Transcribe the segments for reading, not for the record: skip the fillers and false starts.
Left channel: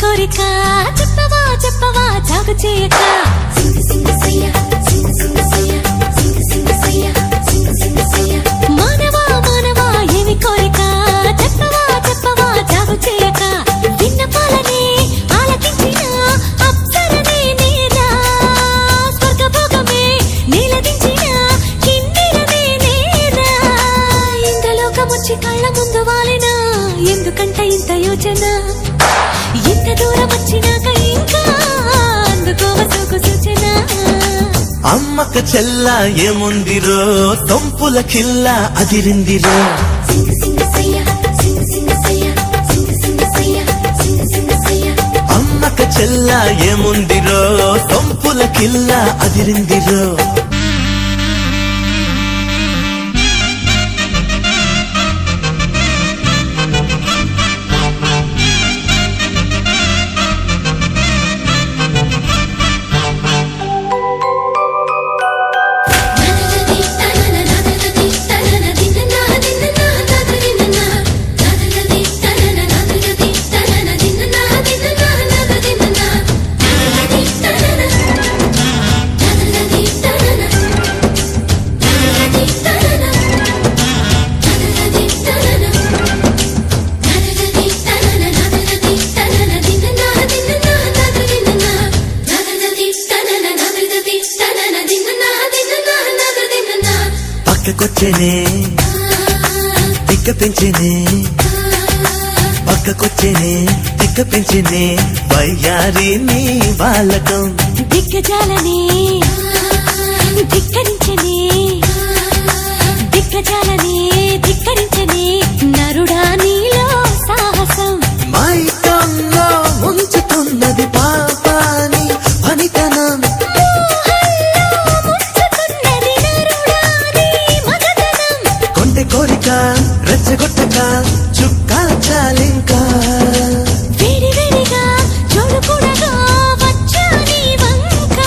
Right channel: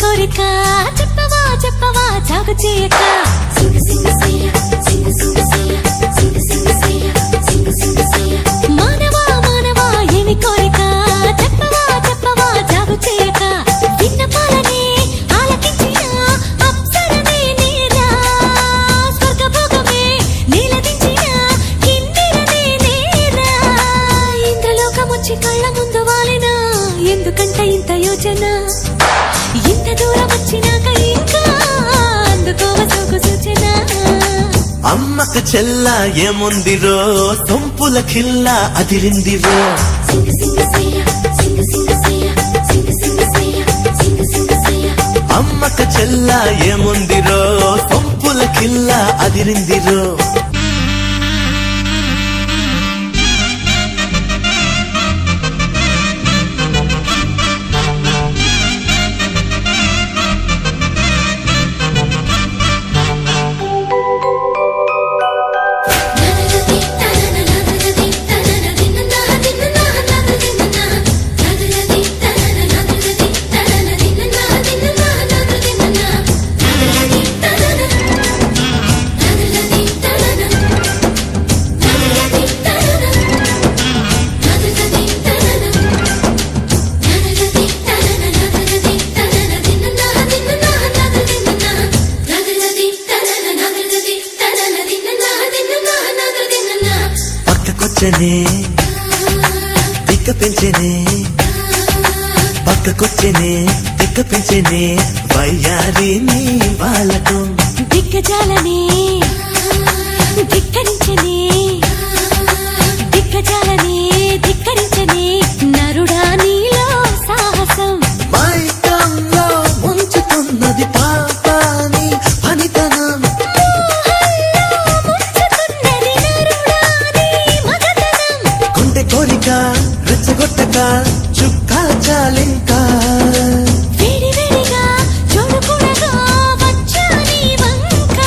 కోరిక చెప్పవా చెప్పవా జాగు చేయక మానవా మానవా ఏమి కోరిక చెప్పవా చెప్పవా జాగు చేయక విన్నపాలనే ఆలకించిన అప్సరనే నేరా స్వర్గభోగమే నీలదించిన కిన్నెరనే నేరా ఇంద్రలోకమొచ్చి కళ్ళ ముందు వాలినా ఎందుకంట ఇంత యోచన ఇంత దూరం వచ్చినాక ఇంకా అందుకోవ సోకు సూచన అమ్మకు చెల్ల ఏముందిరో సొంపుల కిల్ల అదిరిందిరో అమ్మకు చెల్ల ఏముందిరో సొంపుల కిల్ల అదిరిందిరో పక్కకొచ్చనే తిక్క పెంచనే పక్కకొచ్చనే తిక్క పెంచనే వయ్యారి నీ వాళ్ళకం దిగ్గజాలనే ధిక్కరించనే దిగ్గజాలనే ధిక్కరించనే నరుడా నీలో సాహసం మైకంలో ముంచుతున్నది పాపాని పనితనం కోరిక రెచ్చగొట్టక చుక్కాల చాలింకా వేడి వేడిగా చూడకూడగా వచ్చా నీ వంక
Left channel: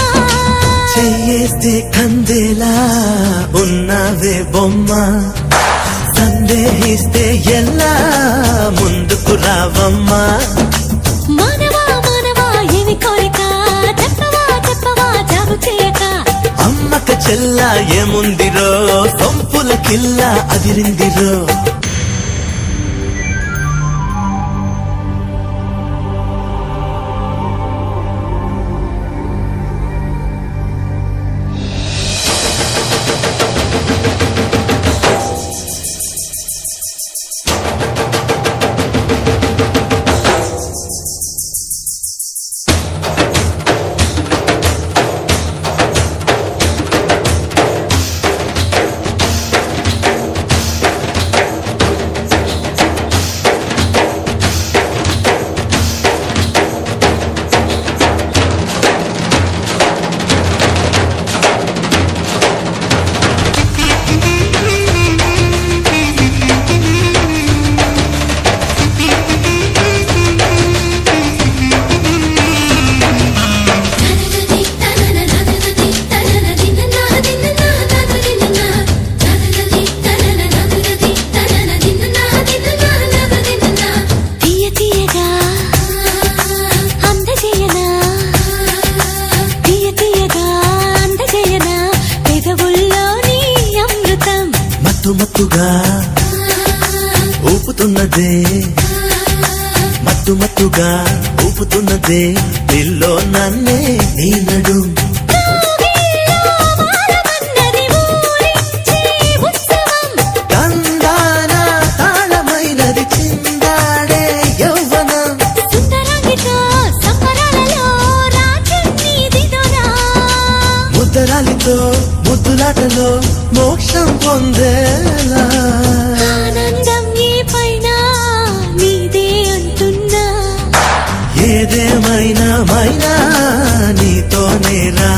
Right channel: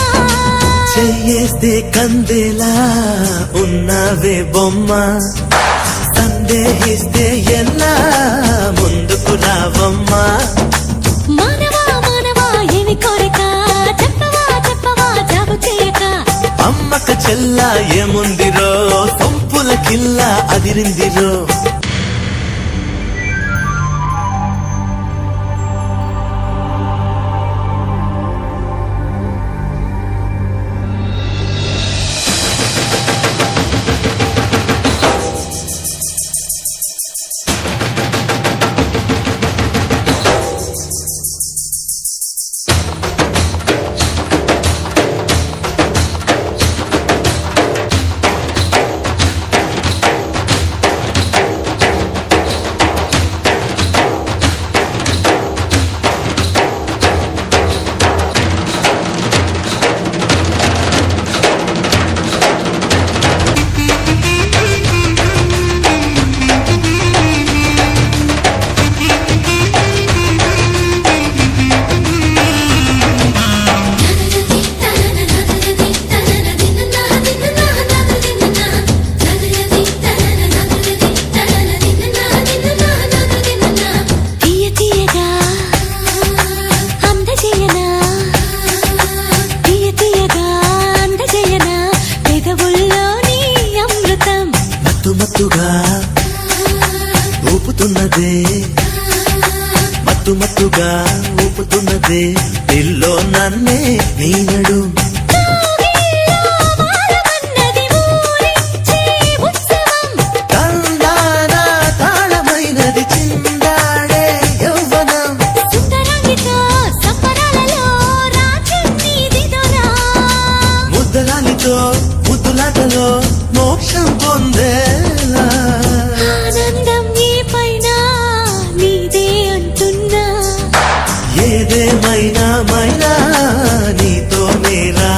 చెయ్యేస్తే కందేలా ఉన్నావే బొమ్మ సందేహిస్తే ఎలా ముందుకు రావమ్మా మానవా మానవా ఏమి కోరిక చెప్పవా చెప్పవా జాగు చేయక అమ్మకు చెల్ల ఏముందిరో సొంపుల కిల్ల అదిరిందిరో మత్తుగా ఊపుతున్నదే మత్తుగా ఊపుతున్నదే పిల్లో నన్నే నీనడు కందాన తాళమైనది చిందాడే యౌవనం సుందరాంగితో సంబరాలలో రాజన్నీదిదోనా ముద్దరాలితో ముద్దులాటలో మోక్షం పొందేలా ఆనందం ఈ పైన నీదే అంటున్నా ఏదేమైనా మైనా నీతోనే రా